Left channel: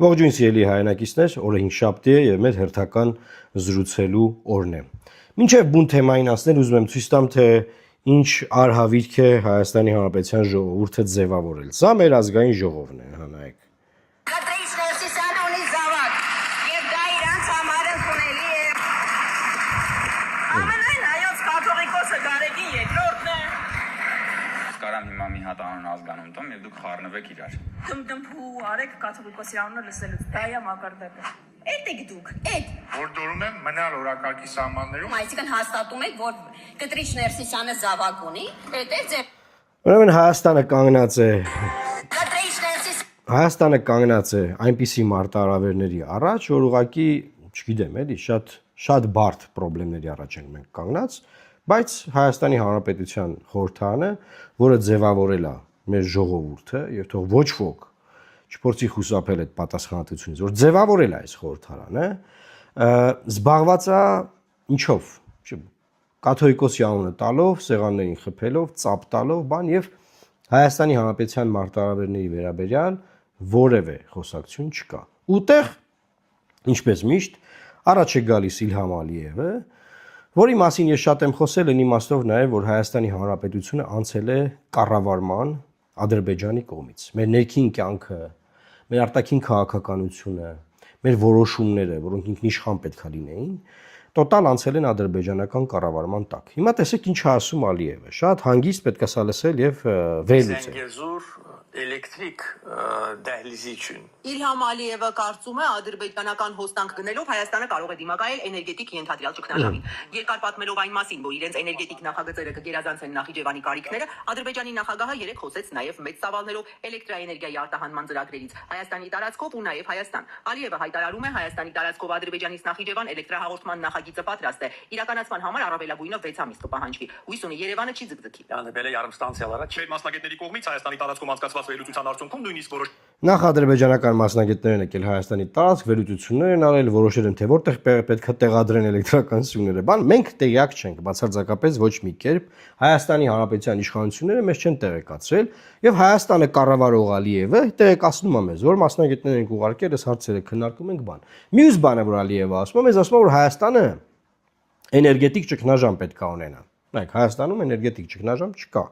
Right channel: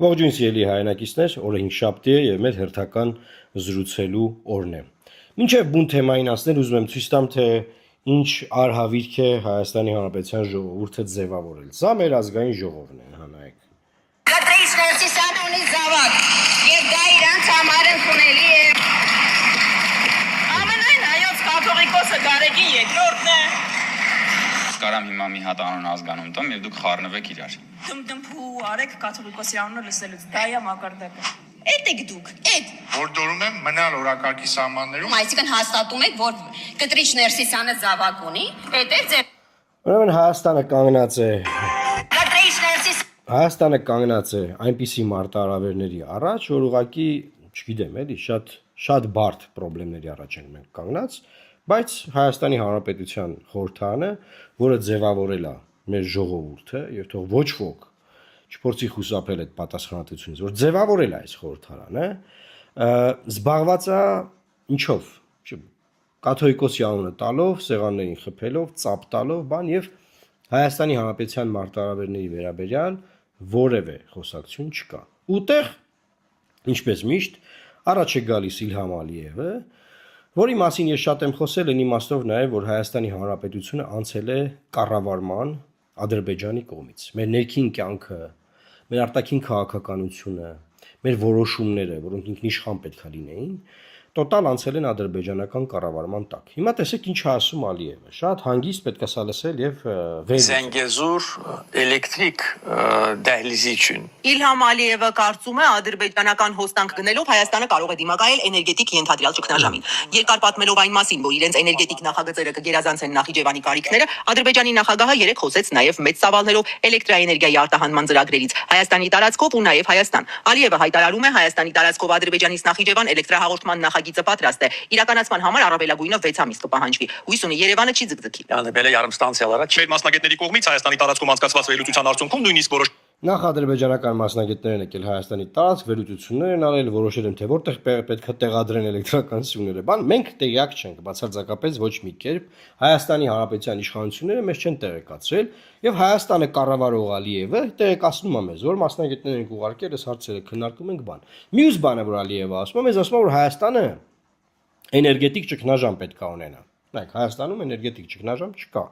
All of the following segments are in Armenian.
Ողջույն սիրելի հայրենակիցներ, օրը 5 շաբթի է եւ մեր հերթական զրուցելու օրն է։ Մինչեւ բուն թեմային ասնել ուզում եմ ցույց տամ, թե ինչ արհավիրք է Հայաստանի Հանրապետության ժողովուրդը ձևավորել։ Սա մեր ազգային ժողովն է, հանայք։ Կարամ հիմա մի հատ անուն ազգանուն տամ եւ դուք խառնվեք իրար։ Դմդմփու արեք կաթոլիկոսի անունը լսելուց։ Դա է մակարդակը։ Էդ եք դուք, էդ։ Որտորում եմ մնալ օրակարգի սահմաններում։ Այսինքն հաստատում եք, որ Կտրիչ Ներսիսյանը զավակ ունի, էդ է ձեր։ Ուրեմն Հայաստանը կանգնած է Կտրիչ Ներսիս Հայաստանը կանգնած է այնպիսի մարտահրավերների առաջ, որ ուղղակի, չգիտեմ, էլի շատ բարդ խնդիրների առաջ ենք մենք կանգնած, բայց Հայաստանի Հանրապետության խորհրդարանը, որը ձևավորել է մեր ժողովուրդը, եւ թող ոչ ոք չփորձի խուսափել այդ պատասխանատվությունից, որ ձևավորել է այս խորհրդարանը, զբաղված է ինչով, կաթոլիկոսի անունը տալով, սեղաններին խփելով, ծապ տալով, բան եւ Հայաստանի Հանրապետության մարտահրավերների վերաբերյալ որևէ խոսակցություն չկա։ Ուտեղ, ինչպես միշտ, առաջ է գալիս Իլհամ Ալիևը, որի մասին ես շատ եմ խոսել այն իմաստով նաև, որ Հայաստանի Հանրապետությունը անցել է կառավարման Ադրբեջանի կողմից։ Մեր ներքին կյանքը, մեր արտաքին քաղաքականությունը, մեր որոշումները, որոնք ինքնիշխան պետք է լինեին, տոտալ անցել են ադրբեջանական կառավարման տակ։ Հիմա տեսեք ինչ է ասում Ալիևը։ Շատ հանգիստ պետք է սա լսել եւ վերլուծել։ Զենգեզուր էլեկտրիկ դահլիզի üçün։ Իլհամ Ալիևը կարծում է ադրբեջանական հոսանք գնելով Հայաստանը կարող է դիմակայել էներգետիկ ենթադրյալ ճգնաժամին։ Երկար պատմելով այն մասին, որ իրենց էներգետիկ նախագծերը կգերազանցեն Նախիջևանի կարիքները, Ադրբեջանի նախագահը երեք խոսեց նաև մեծ ծավալներով էլեկտրաէներգիայի արտահանման ծրագրերից Հայաստանի տարածքով ու նաև Հայաստան։ Ալիևը հայտարարում է Հայաստանի տարածքով Ադրբեջանից Նախիջևան էլեկտրահաղորդման նախագիծը պատրաստ է։ Իրականացման համար առավելագույնը 6 ամիս կպահանջվի։ Հույս ունի Երևանը չի ձգձգի։ Յանվել է yarımstansiyalara Մեր մասնագետների կողմից Հայաստանի տարածքում անցկացված վերլուծության արդյունքում նույնիսկ որոշ Նախ ադրբեջանական մասնագետներն եկել Հայաստանի տարածք վերլուծություններ են արել, որոշել են թե որտեղ պետք է տեղադրեն էլեկտրական սյուները։ Բան մենք տեղյակ չենք, բացարձակապես ոչ մի կերպ Հայաստանի Հանրապետության իշխանությունները մեզ չեն տեղեկացրել, եւ Հայաստանը կառավարող Ալիևը տեղեկացնում է մեզ, որ մասնագետներ են ուղարկել, այս հարցերը քննարկում ենք բան։ Մյուս բանը, որ Ալիևը ասում է, մեզ ասում է, որ Հայաստանը էներգետիկ ճգնաժամ պետք է ունենա։ Նայեք, Հայաստանում էներգետիկ ճգնաժամ չկա։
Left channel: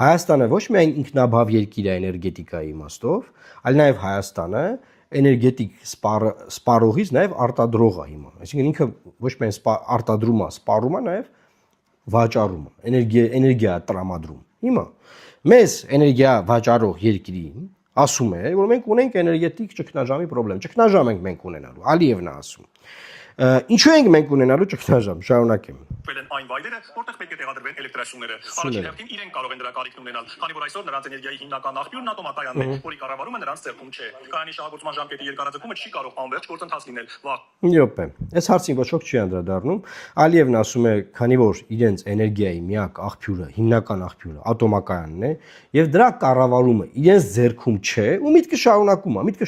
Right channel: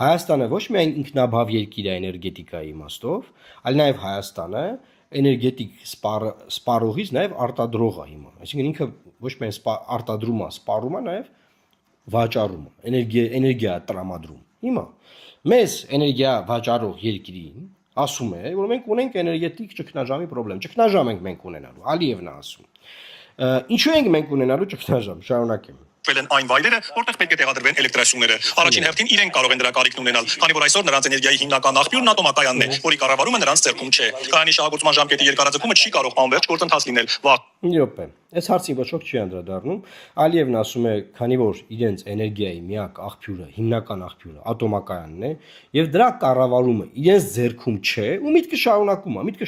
Հայաստանը ոչ միայն ինքնաբավ երկիր է էներգետիկայի իմաստով, այլ նաև Հայաստանը էներգետիկ սպառողից նաև արտադրող է հիմա։ Այսինքն ինքը ոչ միայն արտադրում է, սպառում է, նաև վաճառում է, էներգիա տրամադրում։ Հիմա մեզ էներգիա վաճառող երկրին ասում է, որ մենք ունենք էներգետիկ ճգնաժամի խնդրեմ։ Ճգնաժամ ենք մենք ունենալու, Ալիևն է ասում։ Ինչու ենք մենք ունենալու ճգնաժամ, շարունակեմ։ վել են այն վայրերը, որտեղ պետք է տեղադրվեն էլեկտրասյուները։ Առաջին հերթին իրենք կարող են դրա կարիքն ունենալ, քանի որ այսօր նրանց էներգիայի հիմնական աղբյուրն ատոմակայանն է, որի կառավարումը նրանց ձեռքում չէ։ Կայանի շահագործման ժամկետի երկարաձգումը չի կարող անվերջ գործընթաց լինել։ Յոպե, այս հարցին ոչ ոք չի անդրադառնում։ Ալիևն ասում է, քանի որ իրենց էներգիայի միակ աղբյուրը, հիմնական աղբյուրը ատոմակայանն է, եւ դրա կառավարումը իրենց ձեռքում չէ, ու միտքը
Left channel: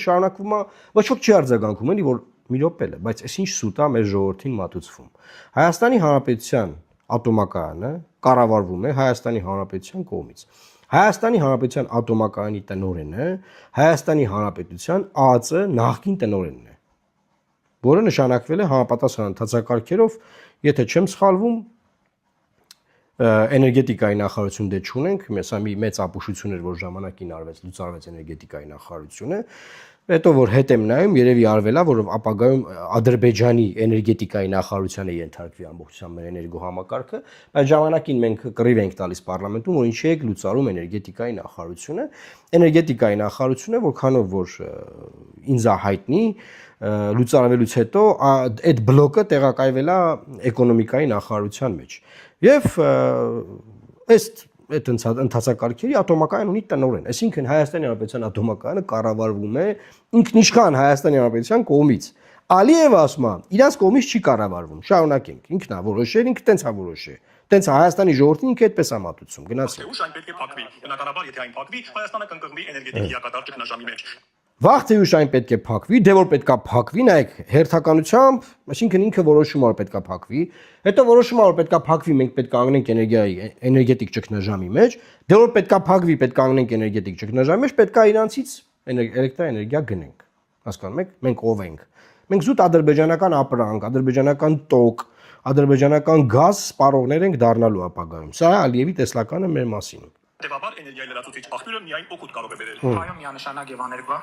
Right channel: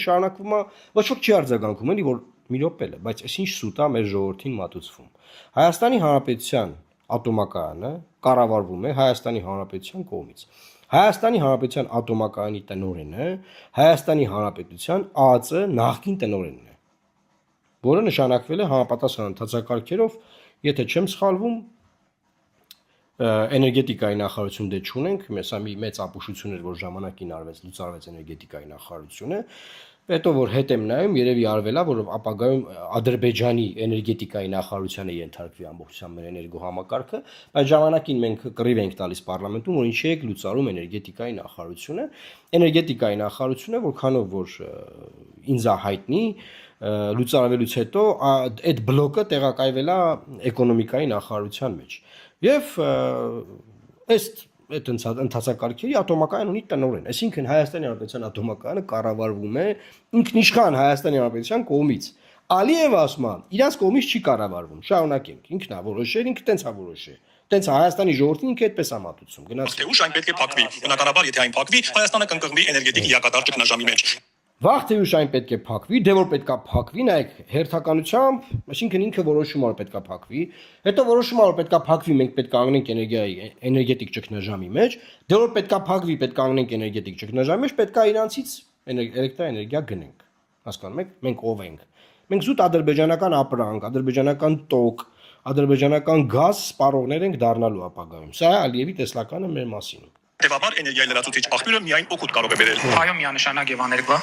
շարունակվում է, ոչ ոք չի արձագանքում, էլի որ մի րոպե է, բայց այս ինչ սուտ է մեր ժողովրդին մատուցվում։ Հայաստանի Հանրապետության ատոմակայանը կառավարվում է Հայաստանի Հանրապետության կողմից։ Հայաստանի Հանրապետության ատոմակայանի տնօրենը Հայաստանի Հանրապետության ԱԱԾ նախկին տնօրենն է, որը նշանակվել է համապատասխան ընթացակարգերով, եթե չեմ սխալվում, էներգետիկայի նախարարություն դե չունենք, սա մի մեծ ապուշություն էր, որ ժամանակին լուծարվեց էներգետիկայի նախարարությունը, հետո որ հետ եմ նայում, երևի արվելա, որ ապագայում Ադրբեջանի էներգետիկայի նախարարությանը ենթարկվի ամբողջությամբ մեր էներգոհամակարգը, բայց ժամանակին մենք կռիվ ենք տալիս պարլամենտում, որ ինչի եք լուծարում էներգետիկայի նախարարությունը, որքանով որ ինձ հայտնի լուծարվելուց հետո այդ բլոկը տեղակայվել է էկոնոմիկայի նախարարության մեջ։ Եվ այդ ընթացակարգերի ատոմակայան ունի տնօրեն, այսինքն Հայաստանի Հանրապետության ատոմակայանը կառավարվում է ինքնիշխան Հայաստանի Հանրապետության կողմից։ Ալիևը ասում է, իրանց կողմից չի կառավարվում, շարունակենք, ինքն է որոշել, ինքը տենց է որոշել։ Տենց Հայաստանի ժողովրդին ինքը այդպես է մատուցում, գնացեք։ Թե ուշ այն պետք է փակվի։ Բնականաբար, եթե այն փակվի, Հայաստանը կընկղմվի էներգետիկ լիակատար ճգնաժամի մեջ։ Վաղ թե ուշ այն պետք է փակվի, դե որ պետքա փակվի, նայեք, հերթականությամբ, այսինքն ինքը որոշում որ պետքա փակվի, հետո որոշում որ պետքա փակվի, մենք պետք է կանգնենք էներգետիկ ճգնաժամի մեջ, դե որ պետքա փակվի, պետք է կանգնենք էներգետիկ ճգնաժամի մեջ, պետքա իրանցից էլեկտրաէներգիա գնենք։ հասկանում եք, մենք ով ենք։ Մենք զուտ ադրբեջանական ապրանք, ադրբեջանական տոկ, ադրբեջանական գազ սպառողներ ենք դառնալու ապագայում։ Սա է Ալիևի տեսլականը մեր մասին։ Հետևաբար էներգիայի լրացուցիչ աղբյուրը միայն օգուտ կարող է բերել։ Այո, միանշանակ եւ աներկբա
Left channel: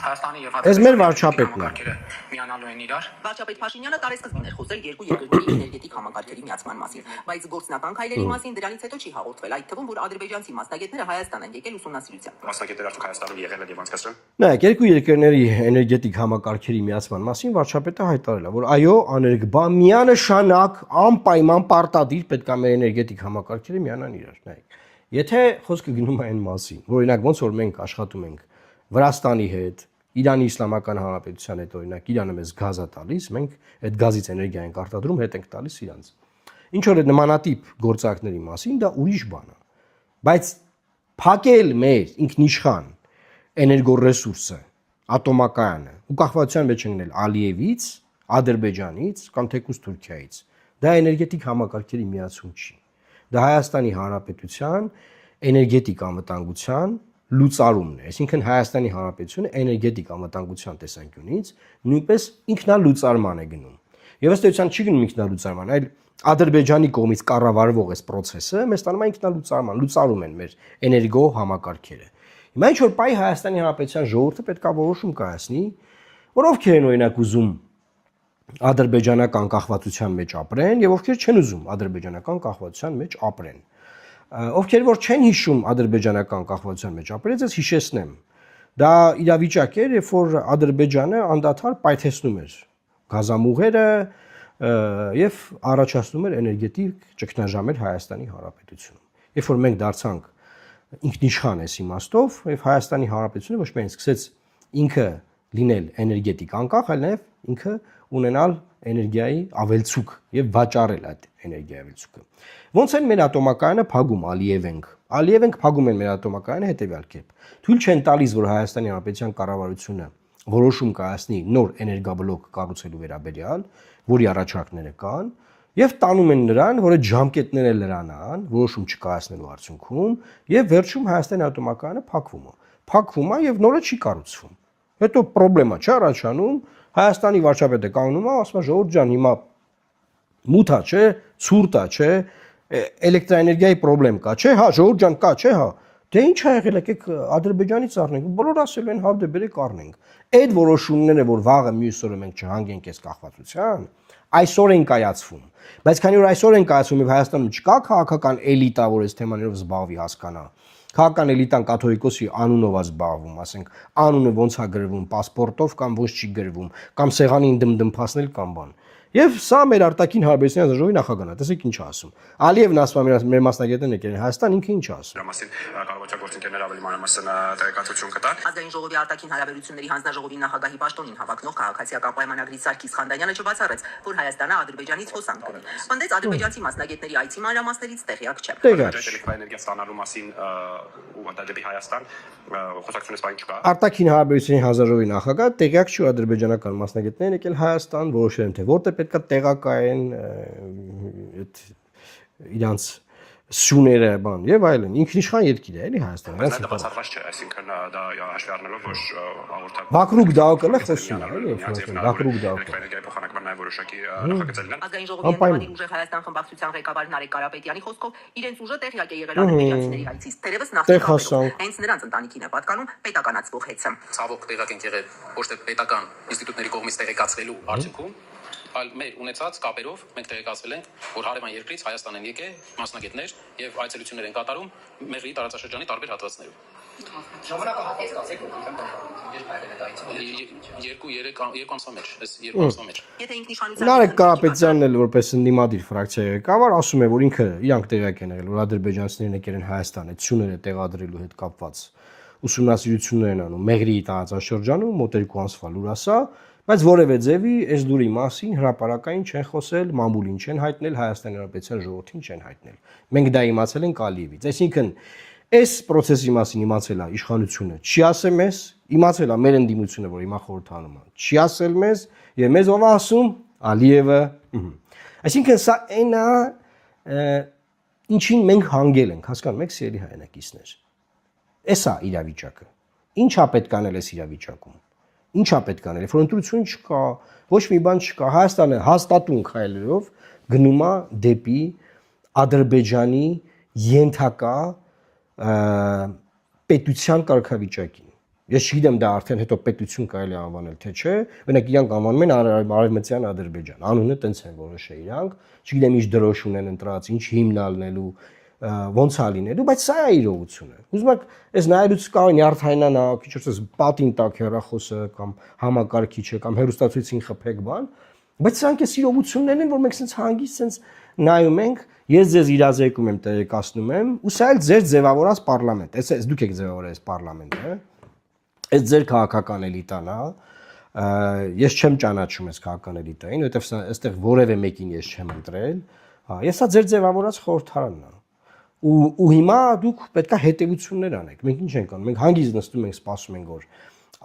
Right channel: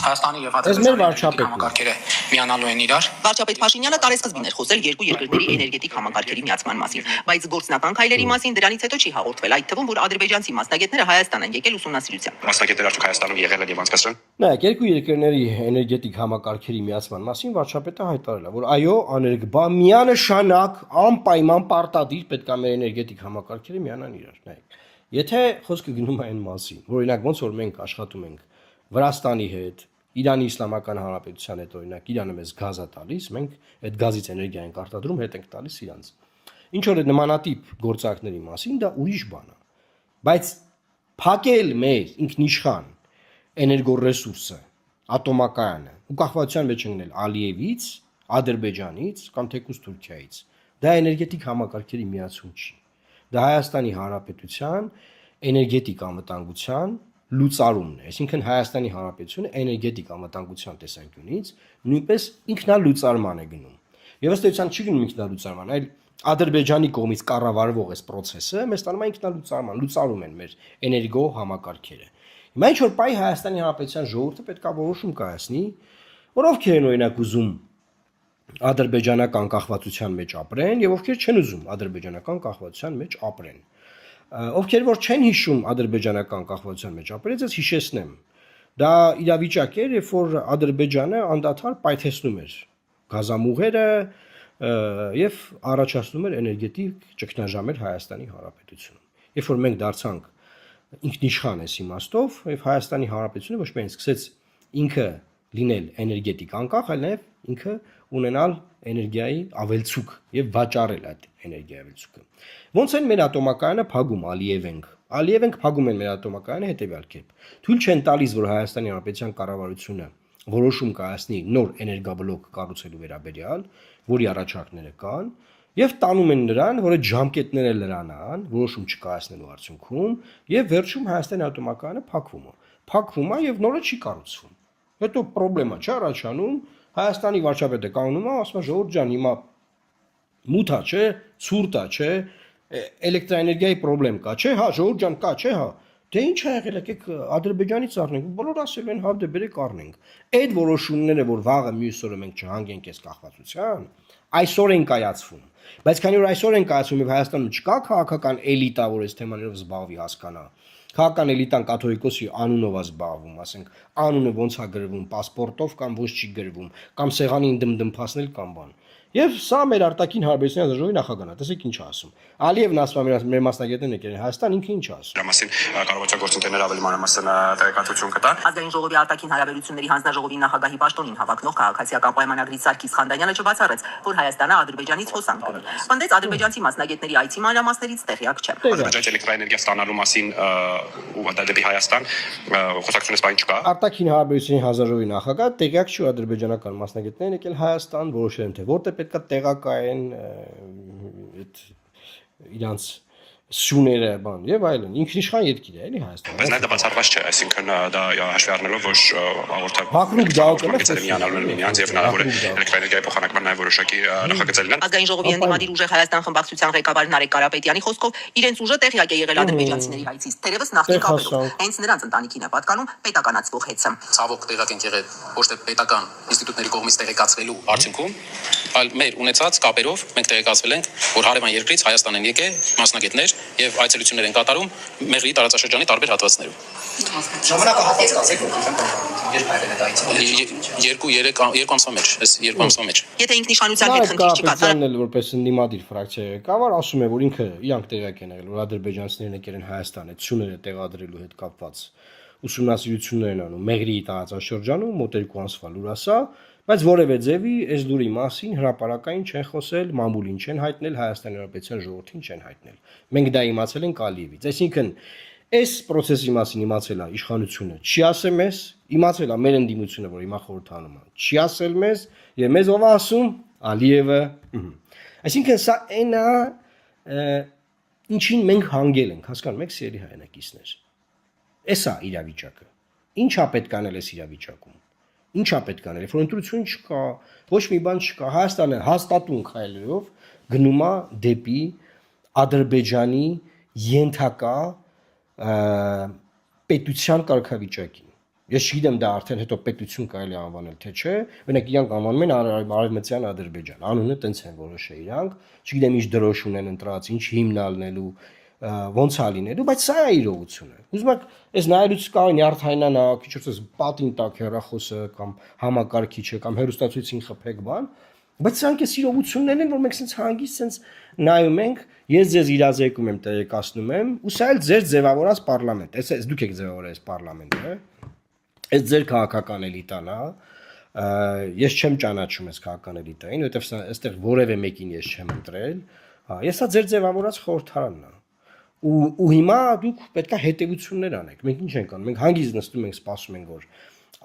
Հայաստանի եւ Այս մեր վարչապետն է։ համակարգերը միանալու են իրար։ Վարչապետ Փաշինյանը տարեսկզբին էր խոսել երկու երկրների էներգետիկ համակարգերի միացման մասին, բայց գործնական քայլերի մասին դրանից հետո չի հաղորդվել, այդ թվում որ ադրբեջանցի մասնագետները Հայաստան են եկել ուսումնասիրության։ Մասնակիցներ արդյոք Հայաստանում եղել են եւ անցկացրել։ Նայեք, երկու երկրների էներգետիկ համակարգերի միացման մասին վարչապետը հայտարարել է, որ այո, աներկբա միանշանակ անպայման պարտադիր պետք է մեր էներգետիկ համակարգերը միանան իրար։ Նայեք, եթե խոսքը գնում է այն մասին, որ օրինակ ոնց որ մենք աշխատում ենք Վրաստանի հետ, Իրանի Իսլամական Հանրապետության հետ, օրինակ Իրանը մեզ գազ է տալիս, մենք այդ գազից էներգիա ենք արտադրում, հետ ենք տալիս իրանց։ Ինչ որ այդ նմանատիպ գործակների մասին դա ուրիշ բան է։ Բայց փակել մեր ինքնիշխան էներգոռեսուրսը, ատոմակայանը, ու կախվածության մեջ ընկնել Ալիևից, Ադրբեջանից կամ թեկուզ Թուրքիայից, դա էներգետիկ համակարգերի միացում չի։ Դա Հայաստանի Հանրապետության էներգետիկ անվտանգության լուծարումն է, այսինքն Հայաստանի Հանրապետությունը էներգետիկ անվտանգության տեսանկյունից նույնպես ինքնալուծարման է գնում։ Եվ ըստ էության չի գնում ինքնալուծարման, այլ Ադրբեջանի կողմից կառավարվող այս process-ը մեզ տանում է ինքնալուծարման, լուծարում են մեր էներգո համակարգերը։ Հիմա ինչ որ պայ Հայաստանի Հանրապետության ժողովուրդը պետք է որոշում կայացնի, որ ովքեր են օրինակ ուզում ադրբեջանական կախվածության մեջ ապրեն եւ ովքեր չեն ուզում ադրբեջանական կախվածության մեջ ապրեն։ Ովքեր որ չեն հիշում ադրբեջանական կախվածության մեջ ապրել, ես հիշեցնեմ։ Դա իրավիճակ էր, երբ որ Ադրբեջանը անդադար պայթեցնում էր գազամուղերը եւ առաջացնում էր էներգետիկ ճգնաժամեր Հայաստանի Հանրապետությունում։ Երբ որ մենք դարձանք ինքնիշխան այս իմաստով, եւ Հայաստանի Հանրապետությունը ոչ միայն սկսեց ինքը լինել էներգետիկ անկախ, այլ նաեւ ինքը ունենալ էներգիայի ավելցուկ եւ վաճառել այդ էներգիայի ավելցուկը։ Ոնց են մեր ատոմակայանը փակում Ալիևենք փակում են մեր ատոմակայանը հետեւյալ կերպ։ Թույլ չեն տալիս, որ Հայաստանի Հանրապետության կառավարությունը որոշում կայացնի նոր էներգաբլոկ կառուցելու վերաբերյալ, որի առաջարկները կան, եւ տանում են նրան, որ այդ ժամկետները լրանան, որոշում չկայացնելու արդյունքում, եւ վերջում Հայաստանի ատոմակայանը փակվում է եւ նորը չի կառուցվում։ Հետո խնդրեմա չի առաջանում, Հայաստանի վարչապետը կանգնում է, ասում է ժողովուրդ ջան, հիմա մութա չէ, ցուրտա չէ, էլեկտրաէներգիայի խնդրեմ կա, չէ, հա, ժողովուրդ ջան, կա, չէ, հա։ Դե ինչ ա եղել, եկեք Ադրբեջանից առնենք, բոլոր ասել են, հա, դե բերեք առնենք։ Այդ որոշումները, որ վաղը մյուս օրը մենք չհանգենք այս կախվածության, այսօր են կայացվում։ Բայց քանի որ այսօր են կայացվում եւ Հայաստանում չկա քաղաքական էլիտա, որ այս թեմաներով զբաղվի, հասկանա։ Քաղաքական էլիտան կաթողիկոսի անունով է զբաղվում, ասենք, անունը ոնց է գրվում, паспортով կամ ոնց չի գրվում, կամ սեղանին դմդմփացնել կամ բան։ Եվ սա մեր արտաքին հարաբերությունների ազգաժողովի նախագահն է, տեսեք ինչ ասում։ Ալիևն ասում է մեր մասնագետներն եկել են Հայաստան, ինքը ինչ ասում։ Դրա մասին կառավարության գործընկերները ավելի մանրամասն տեղեկատվություն կտան։ Ազգային ժողովի արտաքին հարաբերությունների հանձնաժողովի նախագահի պաշտոնին հավակնող քաղաքացիական պայմանագրից Սարգիս Խանդանյանը չբացառեց, որ Հայաստանը Ադրբեջանից հոսանք կունի։ Պնդեց ադրբեջանցի մասնագետների այցի մանրամասներից տեղյակ չէ։ Ադրբեջանի էլեկտրաէներգիա ստանալու մասին ու դեպի Հայաստան խոսակցությունից բան չկա։ Արտաքին հարաբերությունների հանձնաժողովի նախագահ տեղյակ չի ադրբեջանական մասնագետներն եկել Հայաստան, որոշել են թե որտեղ պետք է տեղակայեն այդ իրանց սյուները բան եւ այլն ինքնիշխան երկիր է էլի Հայաստանը բայց դա բացառված չէ այսինքն դա հաշվի առնելով որ հաղորդակ Բաքրուկ դաուկը միանալու միանց եւ հնարավոր է էլեկտրաէներգիայի փոխանակման նաեւ որոշակի նախագծել են Ազգային ժողովի ընդդիմադիր ուժեղ Հայաստան խմբակցության ղեկավար Նարեկ Կարապետյանի խոսքով իրենց ուժը տեղյակ է եղել ադրբեջանցիների հայցից թերևս նախնի կապերով հենց նրանց ընտանիքին է պատկանում պետականացվող հեծը Ցավոք տեղակ են եղել ոչ թե պետական ինստիտուտների կողմից տեղեկացվելու արդյունքում, այլ մեր ունեցած կապերով մենք տեղեկացվել ենք, որ հարևան երկրից Հայաստան են եկել մասնագետներ եւ այցելություններ են կատարում Մեղրի տարածաշրջանի տարբեր հատվածներում։ Ժամանակը հասկացեք, երբ եղել է դա այցելություն։ 2 ամսվա մեջ, այս 2 ամսվա մեջ։ Եթե ինքնիշխանության Նարեկ Կարապետյանն էլ որպես ընդդիմադիր ֆրակցիայի ղեկավար ասում է, որ ինքը իրանք տեղյակ են եղել, որ ադրբեջանցիներն եկել են Հայաստան, այդ սյուները տեղադրելու հետ կապված ուսումնասիրություններ են անում Մեղրի տարածաշրջանում, մոտ 2 ամսվա լուրասա, բայց որևէ ձևի այս դուրի մասին հրապարակային չեն խոսել, մամուլին չեն հայտնել, Հայաստանի Հանրապետության ժողովրդին չեն հայտնել։ Մենք դա իմացել ենք Ալիևից։ Այսինքն այս process-ի մասին իմացել է իշխանությունը, չի ասել մեզ, իմացել է մեր ընդդիմությունը, որ հիմա խորհրդանում է, չի ասել մեզ, եւ մեզ ով է ասում Ալիևը։ Այսինքն սա այն է, ինչին մենք հանգել ենք, հասկանում եք, սիրելի հայրենակիցներ։ Էսա իրավիճակը։ Ինչա պետք անել այս իրավիճակում։ Ինչա պետք անել, երբ որ ընտրություն չկա, ոչ մի բան չկա, Հայաստանը հաստատուն քայլերով գնում է դեպի Ադրբեջանի ենթակա պետության կարգավիճակին։ Ես չգիտեմ դա արդեն հետո պետություն կարելի է անվանել թե չէ, մենակ իրանք անվանում են Արևմտյան Ադրբեջան, անունը տենց են որոշել իրանք, չգիտեմ ինչ դրոշ ունեն ընտրած, ինչ հիմն ալնելու, ոնց է լինելու, բայց սա է իրողությունը։ Ուզում եք, այս նայելուց կարող նյարդայնանա, քիչ ասես պատին տակ հեռախոսը կամ համակարգիչը կամ հեռուստացույցին խփեք բան, բայց սրանք էս իրողություններն են, որ մենք sense հանգիստ sense նայում ենք, ես ձեզ իրազեկում եմ, տեղեկացնում եմ, ու սա էլ ձեր ձևավորած պարլամենտ, այս դուք եք ձևավորել այս պարլամենտը, այս ձեր քաղաքական էլիտան է, ես չեմ ճանաչում այս քաղաքական էլիտային, որովհետև այստեղ որևէ մեկին ես չեմ ընտրել, ես սա ձեր ձևավորած խորհրդարանն է։ Ու հիմա դուք պետք է հետևություններ անեք։ Մենք ինչ ենք անում։ Մենք հանգիստ նստում ենք, սպասում ենք, որ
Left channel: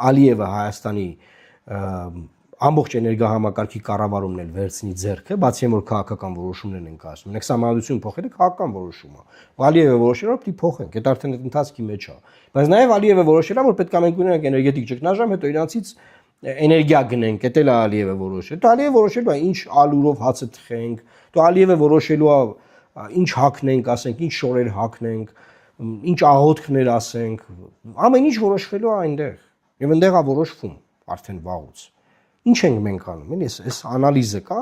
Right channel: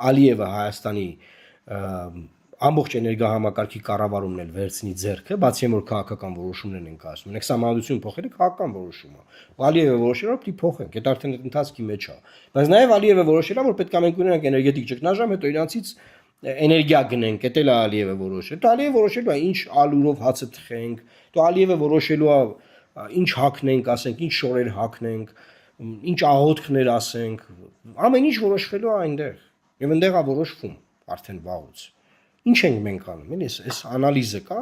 Ալիևը Հայաստանի ամբողջ էներգահամակարգի կառավարումն էլ վերցնի ձեռքը, բացի որ քաղաքական որոշումներ են կայացնում։ Մենք սահմանադրություն փոխել ենք քաղաքական որոշումը։ Ալիևը որոշել է, որ պիտի փոխենք, դա արդեն ընթացքի մեջ է։ Բայց նաև Ալիևը որոշել է, որ պետք է մենք ունենանք էներգետիկ ճգնաժամ, հետո իրանցից էներգիա գնենք, դա էլ Ալիևը որոշել։ Դա Ալիևը որոշելու է, ինչ ալուրով հացը թխենք, դա Ալիևը որոշելու է ինչ հակնենք, ասենք, ինչ շորեր հակնենք, ինչ աղոթքներ ասենք, ամեն ինչ որոշվելու է այնտեղ։ Եվ այնտեղ է որոշվում արդեն վաղուց։ Ինչ ենք մենք անում, էլի, այս անալիզը կա,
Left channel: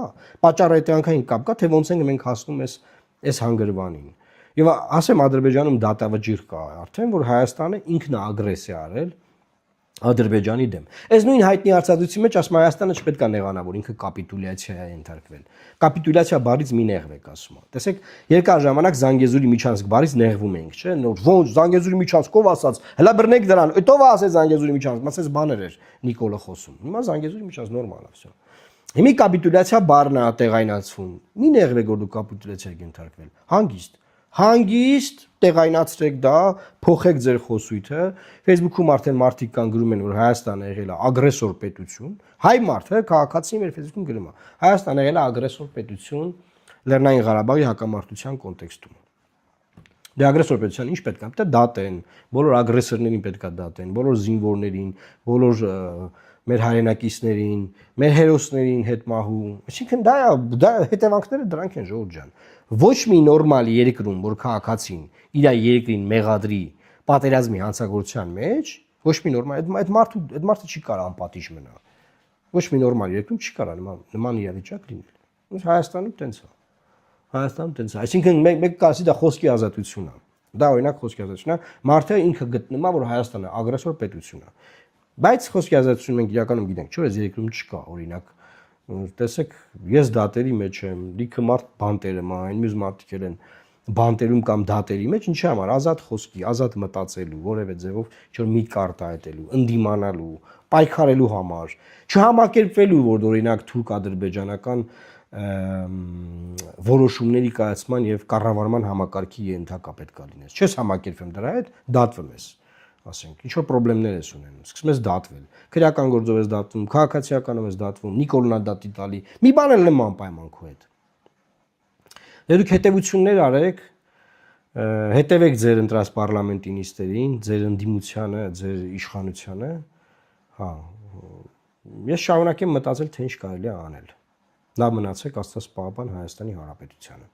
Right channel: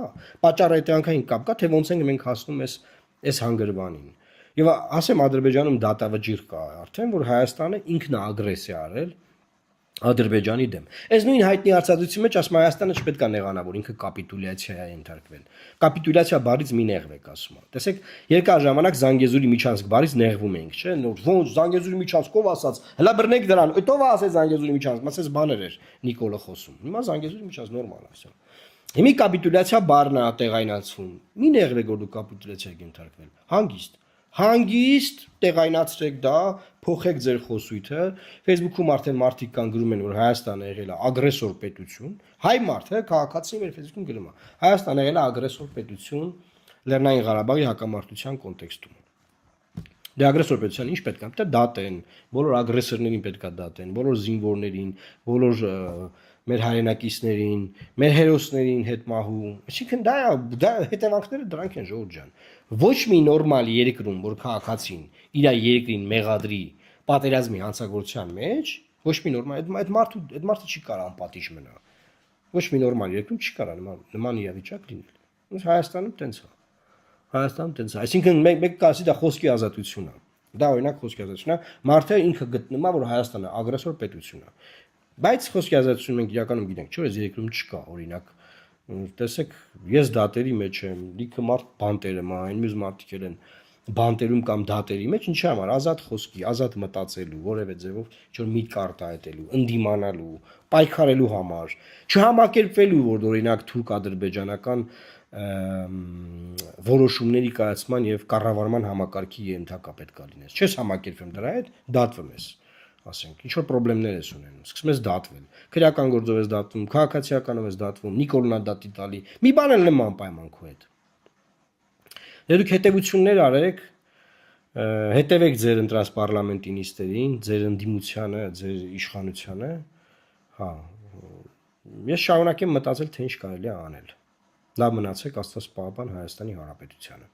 պատճառայտյանքային կապ կա, թե ոնց ենք մենք հասնում այս հանգրվանին։ Եվ ասեմ Ադրբեջանում դատավճիռ կա արդեն, որ Հայաստանը ինքն է ագրեսիա արել Ադրբեջանի դեմ։ Այս նույն հայտնի արծաթության մեջ ասում Հայաստանը չպետք է նեղանա, որ ինքը կապիտուլյացիա է ենթարկվել։ Կապիտուլյացիա բառից մի նեղվ եք ասում։ Տեսեք, երկար ժամանակ Զանգեզուրի Միջանցք բառից նեղվում ենք, չէ՞, ոնց Զանգեզուրի Միջանցքով ասած, հլա բռնեք դրան, ով ասեց Զանգեզուրի Միջանցք, ասես բաներ էր Նիկոլը խոսում։ Հիմա Զանգեզուրի Միջանցք նորմալ է, վсё։ Հիմա կապիտուլյացիա բառն է տեղայնացվում։ Մի նեղվ եք որ դու կապիտուլյացիա եք ենթարկվել։ Հանգիստ տեղայնացրեք դա, փոխեք ձեր խոսույթը։ Facebook-ում արդեն մարդիկ կան գրում են, որ Հայաստանը եղել է ագրեսոր պետություն։ Հայ մարդը քաղաքացին մեր Facebook-ում գրում է. Հայաստանը եղել է ագրեսոր պետություն Լեռնային Ղարաբաղի հակամարտության կոնտեքստում։ Դե ագրեսոր պետության ինչ պետք է պետք է դատեն, բոլոր ագրեսորներին պետք է դատեն, բոլոր զինվորներին, բոլոր մեր հայրենակիցներին, մեր հերոսներին հետ մահու։ Այսինքն դա հետևանքները դրանք են Ժողովուրդ ջան։ Ոչ մի նորմալ երկրում, որ քաղաքացին իր երկրին մեղադրի պատերազմի հանցագործության մեջ, ոչ մի նորմալ այդ մարդը չի կարող անպատիժ մնա։ Ոչ մի նորմալ երկրում չի կարող նման իրավիճակ լինել։ Ոնց Հայաստանում տենց է։ Հայաստանում տենց է։ Այսինքն մեկ կասի դա խոսքի ազատություն է։ Դա օրինակ խոսքի ազատություն է։ Մարդը ինքը գտնում է, որ Հայաստանը ագրեսոր պետություն է։ Բայց խոսքի ազատություն մենք իրականում գիտենք, չէ՞, այս երկրում չկա, օրինակ տեսեք, ես դատերի մեջ եմ, լիքը մարդ բանտերում է, այն մյուս մարդիկ են բանտերում կամ դատերի մեջ, ինչի համար ազատ խոսքի, ազատ մտածելու, որևէ ձևով ինչ-որ միտք արտահայտելու, ընդդիմանալու, պայքարելու համար, չհամակերպվելու, որ օրինակ թուրք-ադրբեջանական որոշումների կայացման եւ կառավարման համակարգի ենթակա պետք է լինես։ Չես համակերպվում դրա հետ, դատվում ես, ասենք, ինչ որ խնդիրներ ես ունենում, սկսում ես դատվել, քրեական գործով ես դատվում, քաղաքացիականով ես դատվում, Նիկոլնա դատի տալի, մի բան էլ նման պայման քո հետ։ Դուք հետևություններ արեք, հետևեք ձեր ընտրած պարլամենտի նիստերին, ձեր ընդդիմությանը, ձեր իշխանությանը, հա, ես շարունակեմ մտածել, թե ինչ կարելի է անել։ Լավ մնացեք, Աստված պահապան Հայաստանի Հանրապետությանը։